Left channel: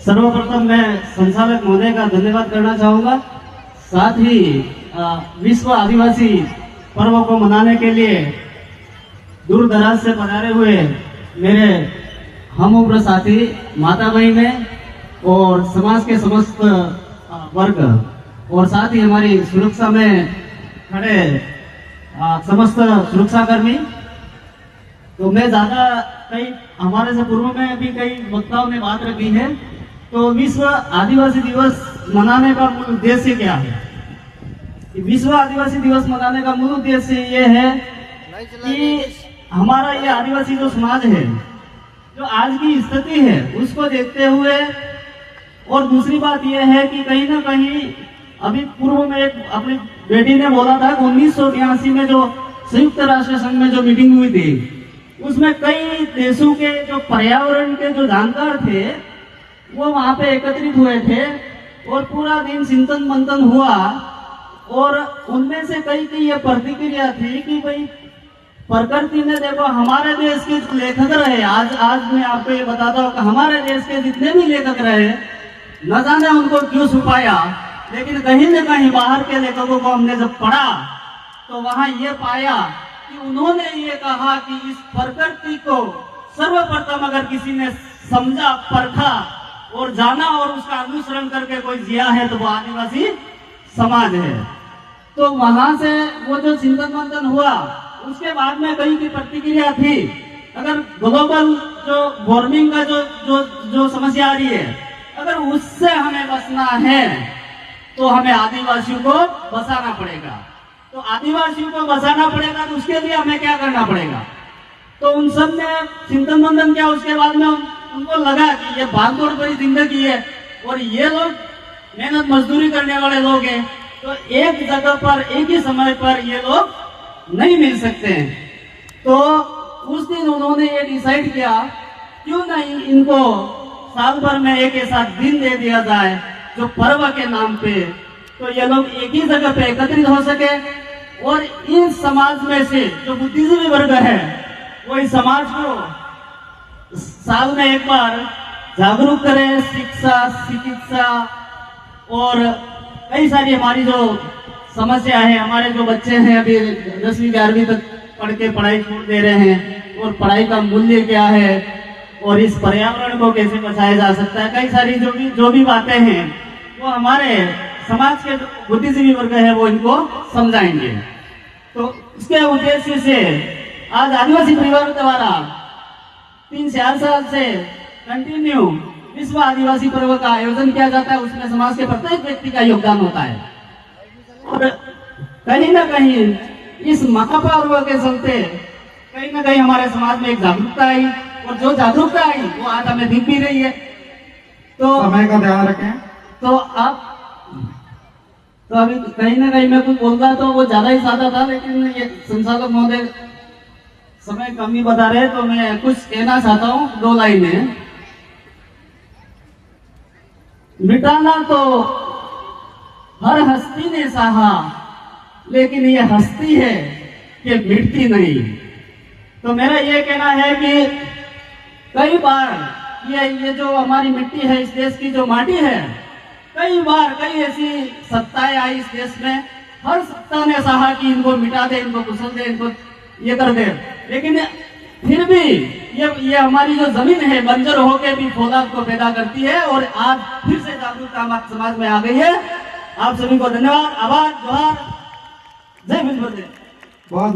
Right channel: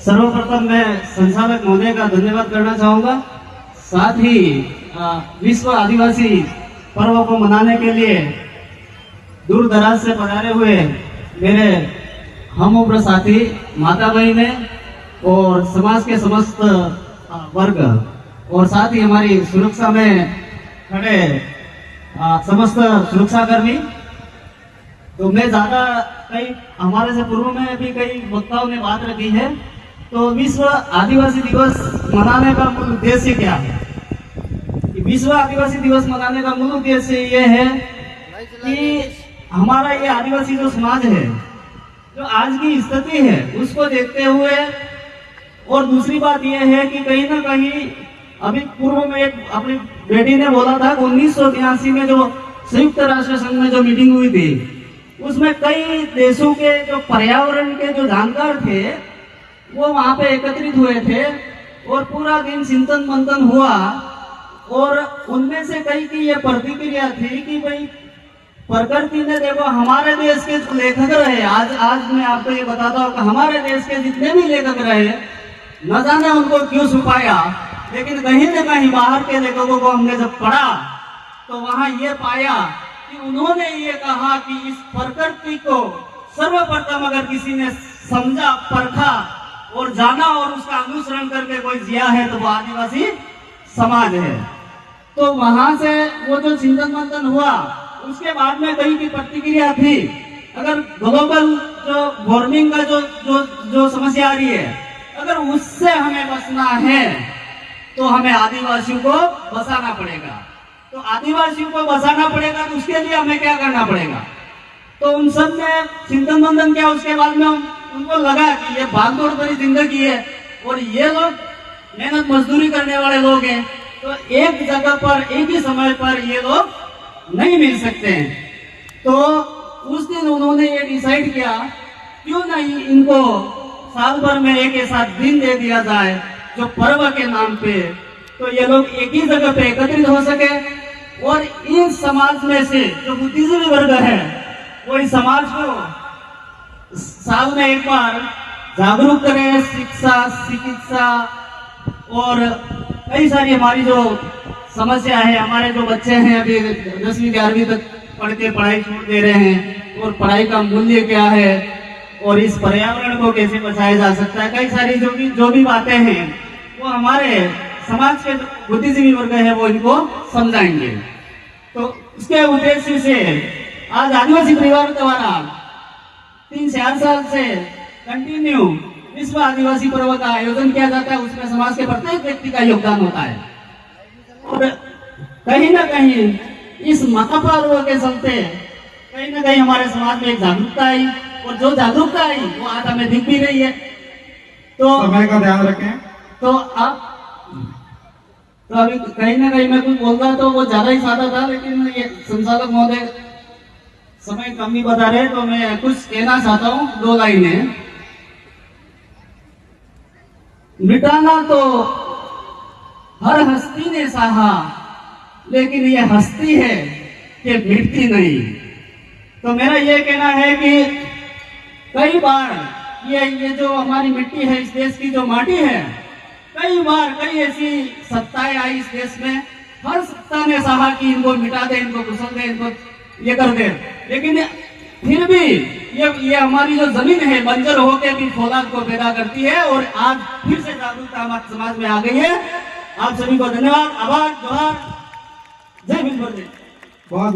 सर्वप्रथम मैं संचालक महोदय का धन्यवाद करना चाहूंगा। साथ ही विश्व आदिवासी पर्व को मनाने के लिए दूर दराज से पधारे हुए मेरे हम उम्र साथी माता बहने और समाज के समस्त वर्ग और साथ ही हमारी सुरक्षा में खड़े समस्त सुरक्षा कर्मी। तो मैं ज्यादा कई हमारे से पूर्व में भी कई वक्ताओं ने बात रखी है। तो विश्व आदिवासी दिवस मनाने का मूल उद्देश्य क्या है? विश्व आदिवासी दिवस मनाने का मूल उद्देश्य ये है कि हमारा ये आदिवासी जो समाज है, जो आज की स्थिति है, उसको देखते हुए, और दूसरी बात यह है कि कहीं ना कहीं अभी पूर्व में एक अपनी बेटी ने बोला था 1982 में जो संयुक्त राष्ट्र संघ में जो मीटिंग हुई थी, उसमें कई देशों के जो पर्यावरण के जो जानकार थे वो वहां पे एकत्रित हुए थे और पूरा दिन चिंतन मंथन हुआ। और उनमें से कई की ये प्रतिक्रिया थी कि भाई प्रकृति ने देखो हमारे देश के लेखक रहे, आज मैं आपको ये बताता हूँ कि हमारे देश के जितने भी लेखक रहे न जाने उनको क्यों छुपाया, लेकिन कहीं न कहीं बाहर के लेखकों को हमने जब पढ़ा तो वहां ये पाया कि उन्होंने ये कहा कि इस प्रकृति को सर्वप्रथम अगर किसी ने समझा, परखा और जाना और उसका अनुसरण करके कोई जिया है तो वो आदिवासी समाज है। तो वहां से वो जो चिंतन मंथन हुआ, उसके बाद में कहीं की प्रतिक्रिया थी अगर ग्लोबल जो वार्मिंग का जो समस्या आ रही है, अगर उससे हमें बचना है तो हमें आदिवासियों को बचाना पड़ेगा। तो आदिवासियों को बचाना पड़ेगा तो उसके लिए हमें क्या करना पड़ेगा? तो उन सब ने चिंतन मंथन किया। उसके बाद में उनको लगा कि ये भागदौड़ भरी जिंदगी है और ये लोग मेहनत मजदूरी करने वाले लोग हैं, तो एक जगह पर एक ही समय पर ये लोग नहीं मिल सकते हैं। तो उस दिन उन्होंने ये डिसाइड किया क्यों नहीं इनको साल भर में एक ऐसा दिन दे दिया जाए जो पर्व के नाम पे, तो ये लोग एक ही जगह पे एकत्रित हो सके और इस समाज में से जो बुद्धिजीवी वर्ग है वो इस समाज को साल में एक बार जागरूक करें। शिक्षा, चिकित्सा और कई सारी हमारी जो समस्या है, हमारे जो बच्चे हैं अभी 10वीं 11वीं तक पढ़ के पढ़ाई छोड़ दे रहे हैं, और पढ़ाई का मूल्य क्या है और इस पर्यावरण को कैसे बचाया जा सकता है, कई सारी जो भी बातें हैं वो हमारे समाज के बुद्धिजीवी वर्ग है वो इनको समझाएंगे। तो इसके उद्देश्य से आज आदिवासी परिवारों द्वारा 3-4 साल से कंटिन्यू विश्व आदिवासी पर्व का आयोजन किया जाता है। उसमें समाज के प्रत्येक व्यक्ति का योगदान होता है और कहीं ना कहीं इस महापर्व के चलते कहीं ना कहीं हमारे समाज में एक जागरूकता आई, और जो जागरूकता आई वो आज हमें दिख भी रही है। तो समय का ध्यान रखें। तो अभी कहीं ना कहीं मैं कुछ बोल रहा तो वो ज्यादा ही सादा था, लेकिन ये संचालक महोदय समय कम ही बता रहे, तो मैं कुछ कहना चाहता हूँ 2 लाइनें। मिटाना तो हर हस्ती ने चाहा, लेकिन ये हस्ती है कि मिटती नहीं। तो मेरा ये कहना है कि कई बार ये जो हमारी मिट्टी है, इस देश की जो माटी है, कई बार कई ऐसी सत्ताएं आई इस देश में, हर सत्ता ने चाहा कि इनको मिटा दे, इनको कुचल दे, इनको ये कर दे, लेकिन फिर भी ये हमारी जो जमीन है बंजर होकर भी फौलाद को पैदा करती है, और आज फिर से जागरूकता हमारे समाज में आ गई है। आप सभी को धन्यवाद, आभार, जोहार, जय हिंद। बहुत